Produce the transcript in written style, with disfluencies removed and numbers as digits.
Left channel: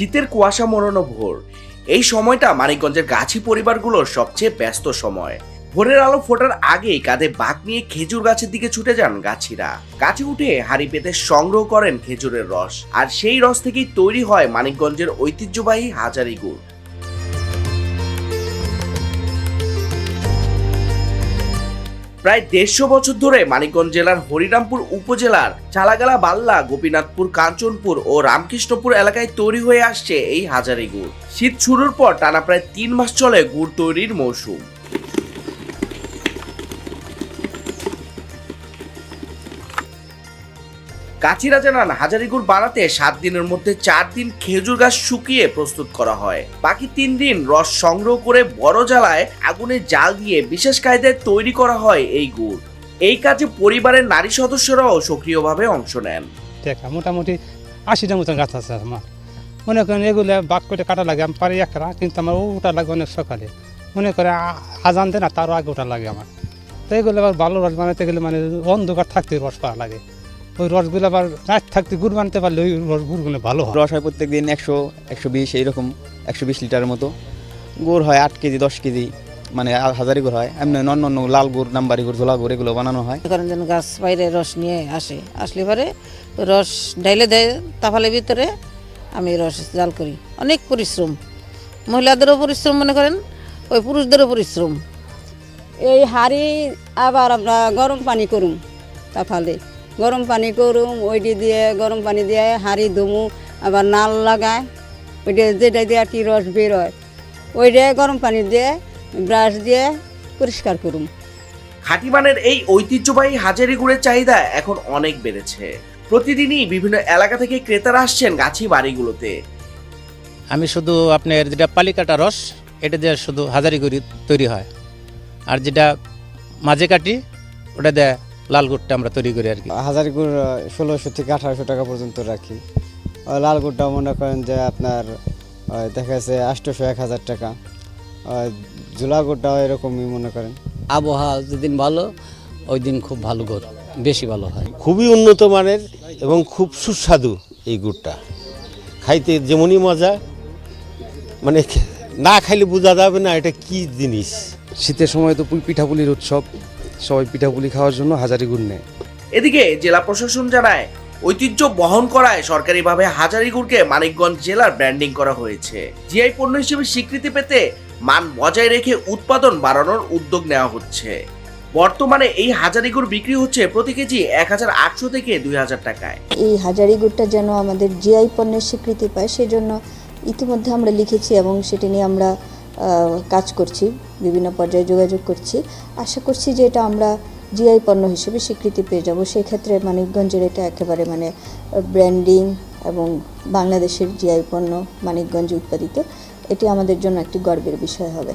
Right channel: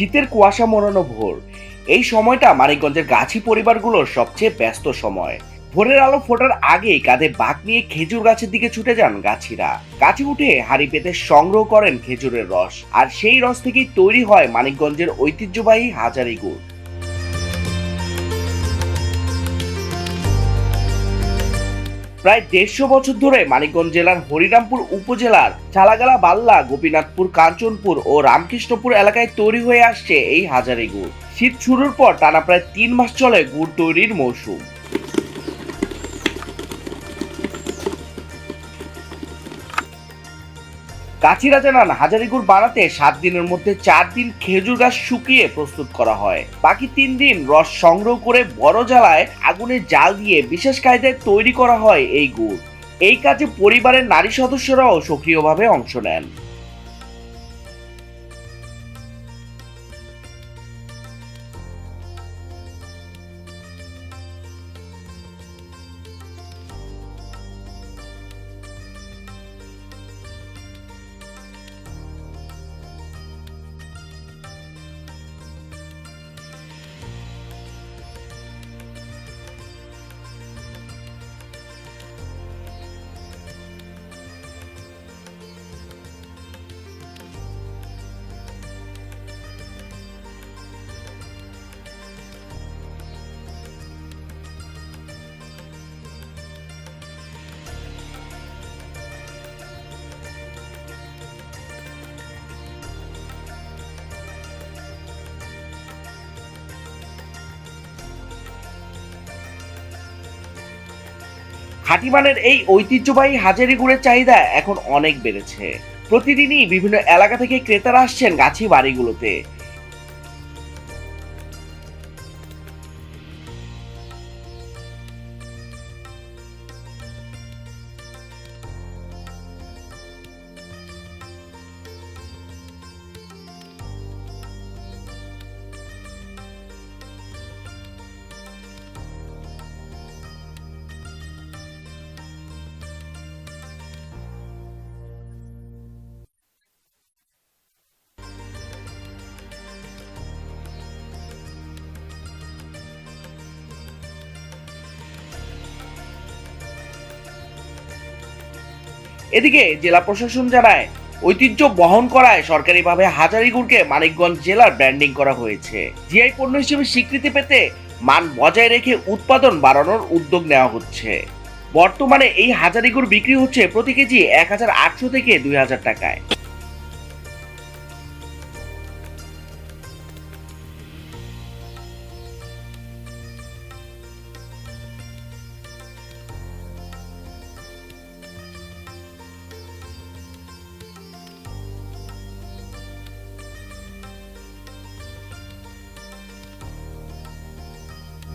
শীতের কুয়াশা মোড়ানো ভোর, এই সময়টা মানিকগঞ্জের গাছি পরিবারগুলোর সবচেয়ে ব্যস্ত সময়। ভোরের আলো ফোটার আগেই কাঁধে বাঁক নিয়ে খেজুর গাছের দিকে ছুটে যান গাছিরা। গাছে উঠে হাঁড়ি পেতে সংগ্রহ করেন খেজুরের রস, আর সেই রস থেকেই তৈরি হয় মানিকগঞ্জের ঐতিহ্যবাহী হাজারি গুড়। প্রায় 150 বছর ধরে মানিকগঞ্জ জেলার হরিরামপুর উপজেলার চালাগালা, বাল্লা, গোপীনাথপুর, কাঞ্চনপুর ও রামকৃষ্ণপুর এলাকায় তৈরি হয়ে আসছে এই হাজারি গুড়। শীত শুরুর পর টানা প্রায় 3 মাস চলে গুড় তৈরির মৌসুম। গাছিরা জানান, হাজারি গুড় বানাতে 7 দিনের মধ্যে 4 দিন খেজুর গাছ শুকিয়ে প্রস্তুত করা হয়। বাকি 3 দিন রস সংগ্রহ করে বড় জ্বালায় আগুনে জাল দিয়ে বিশেষ কায়দায় তৈরি করা হয় এই গুড়। এই কাজে পরিবারের নারী সদস্যরাও সক্রিয়ভাবে অংশ নেন। মোটামুটি 80টার মতন গাছ আছে আমার। মনে করেন এগুলো বাক করে কাটা লাগে, আমি পারি একটা, কিন্তু আমার ওটা লাগে অনেক সকালে। মনে করে আজান দেয় না, তারও আগে ওটা লাগে আমার। তো এগুলো আবার ভালো রস বানাতে গেলে মানে অন্ধকার থাকতে রস পাওয়া লাগে। ওই রসগুলো আবার রাত থাকতে গুড় বানাতে পারলে ওই গুড়গুলো ভালো হয়। রস হয় প্রত্যেক দিন 100-120 এইরকম 120 লিটারের মতো। গুড় হয় 8 কেজি 10 কেজি, মানে হাজারি গুড় হয়। এমনি অন্য লাল গুড়, নাম্বারি গুড়, ঝোলা গুড় এগুলো বানানো হয়। কারণ যেন গাছ বাইরে রস নিয়ে আসলে পরে রস ঢাইলে দেয় তাফালের ভিতরে, আমি রস জাল করি। অনেক পরিশ্রম, মহিলাদেরও পরিশ্রম, মনে করেন ওই পুরুষদেরও পরিশ্রম। এই হাঁড়ি আবার আমরা গরম পানি করুম, তাফালে গরম পানি করুম, ওইটি দিয়ে গরম পানি দিয়ে হাঁড়ি ধুমু, আবার নাল লাগায়, ওইটা যেটা দিয়ে আর কি রস বের হয়, ওইটা গরম পানি দিয়ে ব্রাশ দিয়ে পরিষ্কার করুম। খাঁটিমানের এই ঐতিহ্যবাহী হাজারি গুড়ের চাহিদা এখন অনেক বেড়েছে। প্রতিদিনই বিভিন্ন এলাকা থেকে ক্রেতারা আসছেন গাছি বাড়িগুলোতে। আমি শুধু আপনার যেটা পালিকাটা রস, এটা দিয়ে শুধু হাজারি গুড়ি তৈরি হয়, আর যেটা মাঝে কাটি ওটা দিয়ে লাল গুড়টা আমরা তৈরি করি আর কি। হাজারি গুড় 1600 থেকে 1800 টাকা পর্যন্ত রাখি। লাল গুড়টা মনে করেন যে আপনার দেখা যাচ্ছে 800-1000 টাকা। ঝোলা গুড়টাও এরকমই মনে করেন। আবহাওয়া যেদিন ভালো ওই দিন খুব ভালো গুড়, বেশি ভালো হয়। খুবই উন্নত মানের এবং খুব সুস্বাদু এই গুড়টা। খাইতে যেমনই মজা, মানে না খাইলে বোঝা যাবে না এটা কি জিনিস। শীতের সময় তো পিঠাপুলির উৎসব, সবাই পিঠাপুলি খাওয়ার জন্য হাজারি গুড় নেয়। এদিকে জেলা প্রশাসন জানায়, ঐতিহ্য বহন করায় সরকারিভাবে হাজারি গুড়কে মানিকগঞ্জ জেলার ব্র্যান্ডিং করা হয়েছে। জিআই পণ্য হিসেবে স্বীকৃতি পেতে মান বজায় রেখে উৎপাদন বাড়ানোর উদ্যোগ নেওয়া হচ্ছে। বর্তমানে এই হাজারি গুড় বিক্রি হচ্ছে প্রতি কেজি 1800 থেকে 2000 টাকায়। এই হাজারি গুড়টা যেন আমাদের জিআই পণ্যের স্বীকৃতি পায়, সেজন্য ইতিমধ্যে আমরা লিখেছি এবং সেটি নিয়ে আমরা কাজ করছি, বিভিন্ন পর্যায়ে যোগাযোগ করছি। আশা করছি যে এটা আমরা জিআই পণ্য হিসেবে স্বীকৃতি পেয়ে যাব। সেক্ষেত্রে মানিকগঞ্জের এটা একেবারে মানে ব্র্যান্ডিং এবং বাংলাদেশের জিআই পণ্য মানিকগঞ্জে উৎপাদিত, এটি আমাদের জন্য একটি গর্বের বিষয় হবে।